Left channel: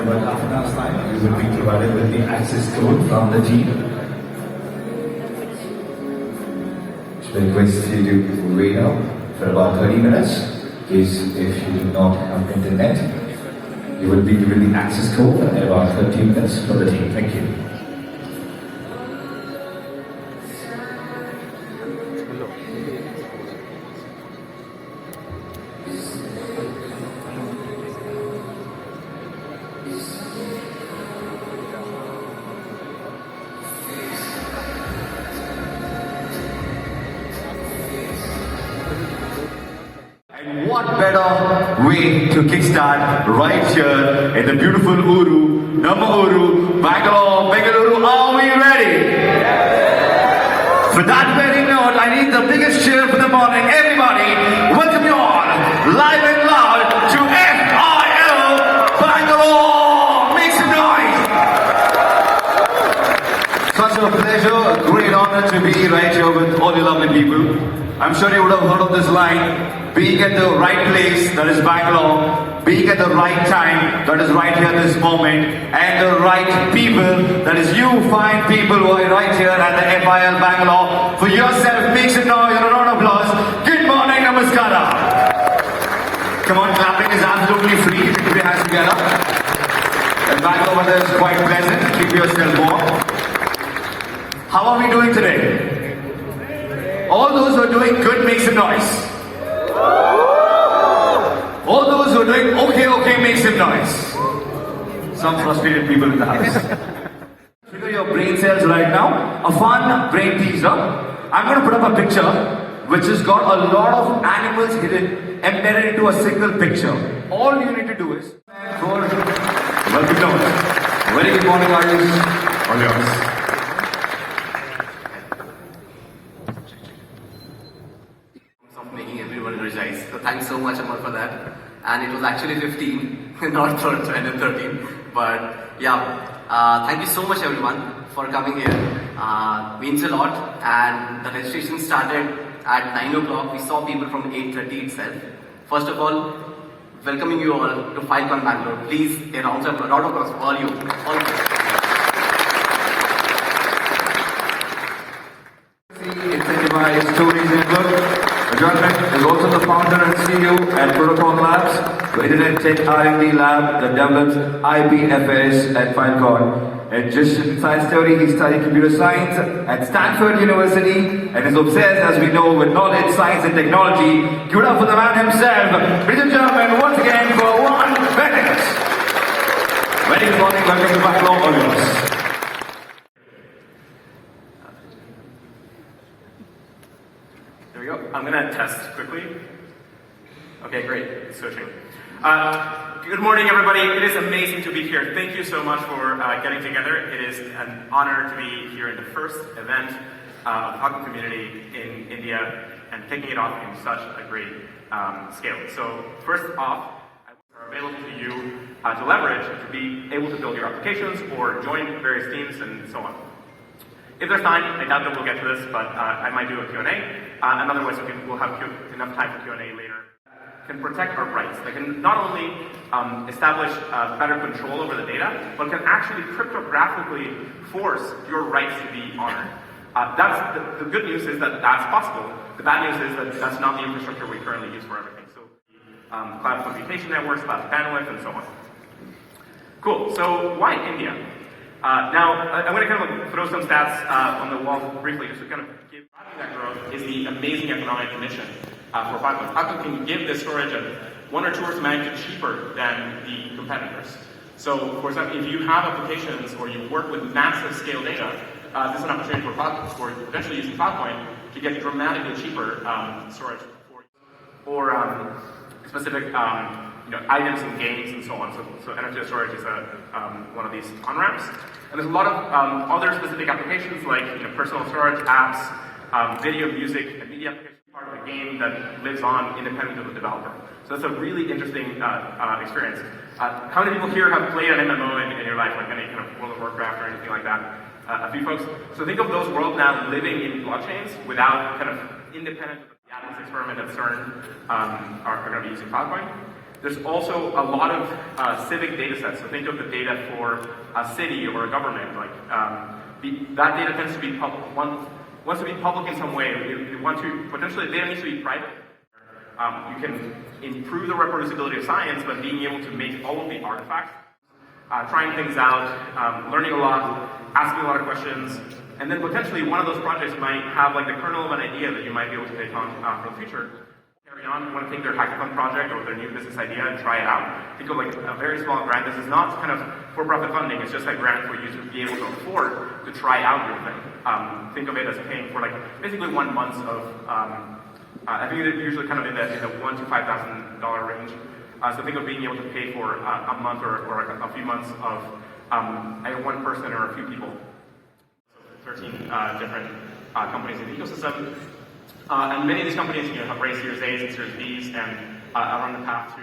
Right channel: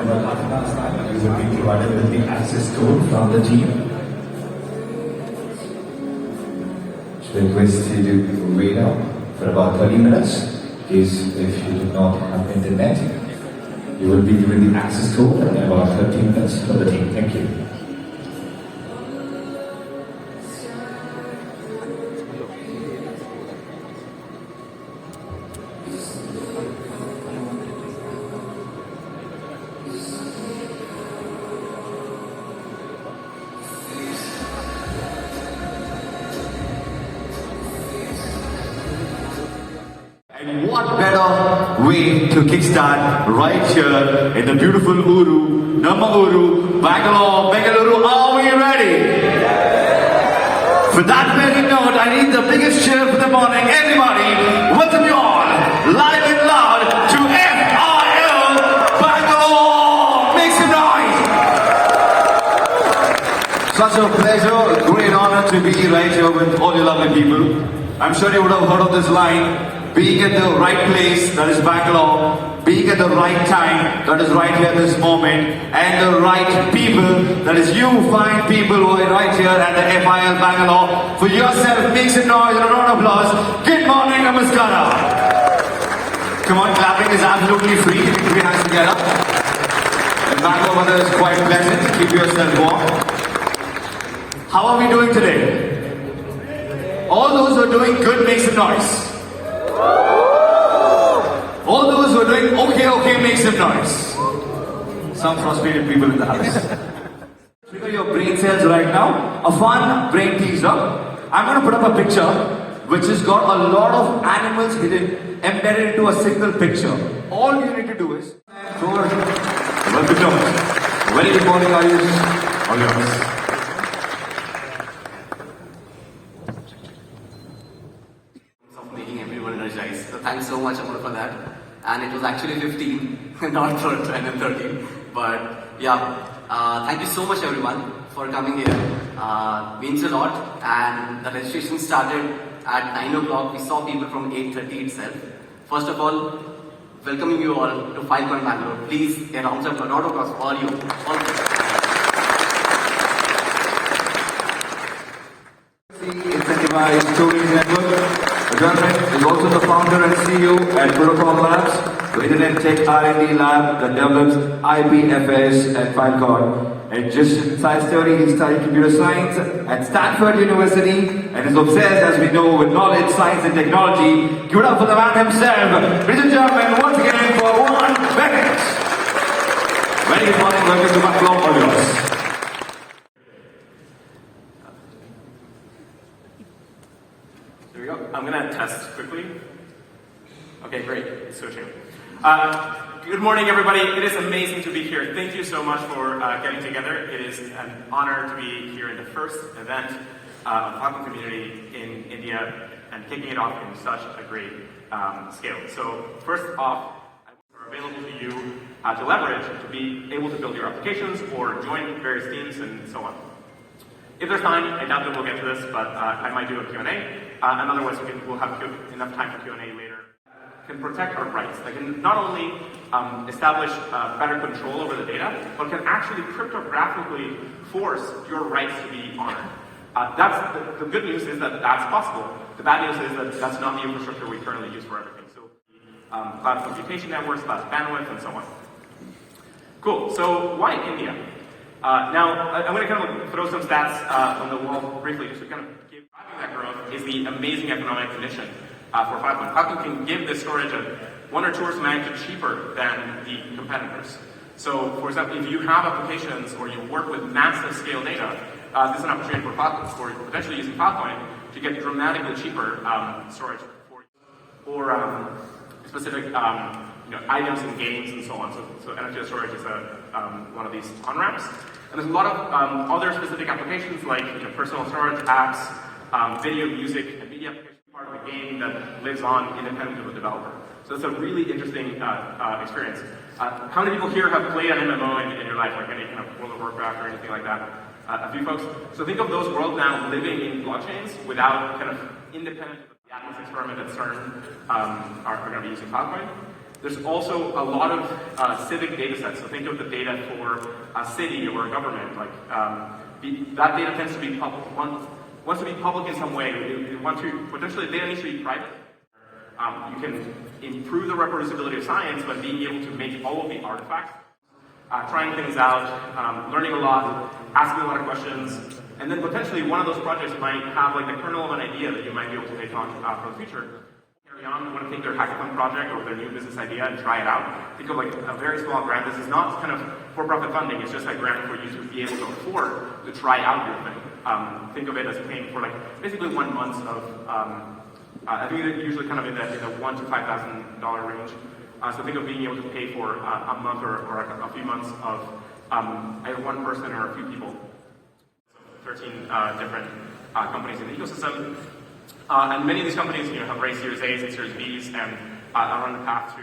In about half an hour's time, you will be provided with the access code from the team. So I request you to wait out for about 30 minutes. In case if you do not have internet, you will be given the access code in about 13 minutes for the team. Thank you. And what better way to kickstart right here in the beautiful Uru, Bangalore, are we ready? For that very note, I need the biggest cheer for the morning. Everybody, welcome you all, live and loud, to FIL Bangalore. Make some noise. Such a pleasure, great honor to be right here with all you lovely people. I'm sure you would have heard of this line. Being at the right place, that is Bangalore. Being at the right time, that is right here this moment. And the right people, that is you fine people who are right here at the FIL Bangalore. For yourself, make some noise and a round of applause. Good morning, namaskara. Come on, clapping is absolutely free. Keep your hands together. The Bangalore weather is quite pleasant. Keep yourself warm. How are we doing today? All those who are doing good, make some noise. All those who are doing okay, make some noise. Some frustrated people in the house. Trigger your brain cells right now. A fun brain teaser. I'm going to put up a picture which has got a lot of animals hidden, embedded into a single picture. All you need to do is very good morning, guys. All yours. So thanks so much, Amar, for that. And it was actually 15, not 12 and 13. But yeah, thank you so much, everyone, for coming here. Means a lot. And the registration started at 9 o'clock. We saw people from 8:30 itself. First of all, welcoming you all to Filecoin Bangalore. Please, a round of applause for all you. Incentivized tooling network. Judgment is also the founder and CEO at Protocol Labs, the Internet Tech R&D lab that develops IPFS at Filecoin. And just in science theory, he studied computer science at Stanford University and is obsessed, as we know, with knowledge, science, and technology. Give it up for the man himself. Ladies and gentlemen, once again for Juan Benet. Very good morning, welcome to Bangalore, all yours. Here we go. I'm going to test quickly. Okay, great. It's switching. Good morning, everybody. It is amazing to be here. Thank you so much for getting together. It is an honor to be here in the first event of the Hawking community in India and taking it off in such a great scale. So first off, are available to you to leverage to be able to build your applications or join various teams and so on. If there's time, I doubt that we'll get to this, but I might do a Q&A. And otherwise, we'll have enough time for Q&A later. Can protect our rights. They can not only establish better control over the data, but can actually cryptographically force your rights to be honored. The good news is that that's possible. The bad news is that that's not the infrastructure we currently use for everything. So cloud computation networks, cloud bandwidth, and so on. Cool. So why India? Now, I'm going to kind of throw some stats on the wall briefly, just to kind of give that growth is the amazing economic mission for Filecoin. Filecoin can give this storage at 1 or 2 orders of magnitude cheaper than the competitors. So, for example, if you have applications or you work with massive scale data, this is an opportunity for Filecoin, or potentially using Filecoin to get dramatically cheaper storage or specific items and games and so on. So energy storage is one of these on-ramps. And there's a lot of other specific applications like personal storage apps, video, music, and media applications, part of the game that lives on independent of the developer. So it's a really interesting experience. How many people here have played an MMO in your life, like any kind of World of Warcraft or anything like that? A few folks. So think of those worlds now living in blockchains without kind of independent of the Atlas experiment at CERN are going to be using Filecoin. There's also a lot of civic data sets. So think of the data for a city or a government. Like that data tends to be public. Wants to be public in some way. We want to potentially data needs to be private. You can improve the reproducibility of science, but being able to make all of the artifacts, trying things out, learning a lot, asking a lot of questions, and then potentially one of those projects might have like the kernel of an idea that you might be able to take on for the future. Carry on, you want to take their hackathon project or their new business idea and try it out. Think of like a very small grant. This is not kind of for-profit funding. It's just a grant for you to be able to afford to try out your thing. Think of it as paying for like basically 1 month of. I think they're usually kind of in the $1,000 to $5,000 range. So think of being able to pay for a month or like a few months of either one person or a few people. 13 different companies in the ecosystem. And many of these companies have raised Series A's and Series B's and are on the path to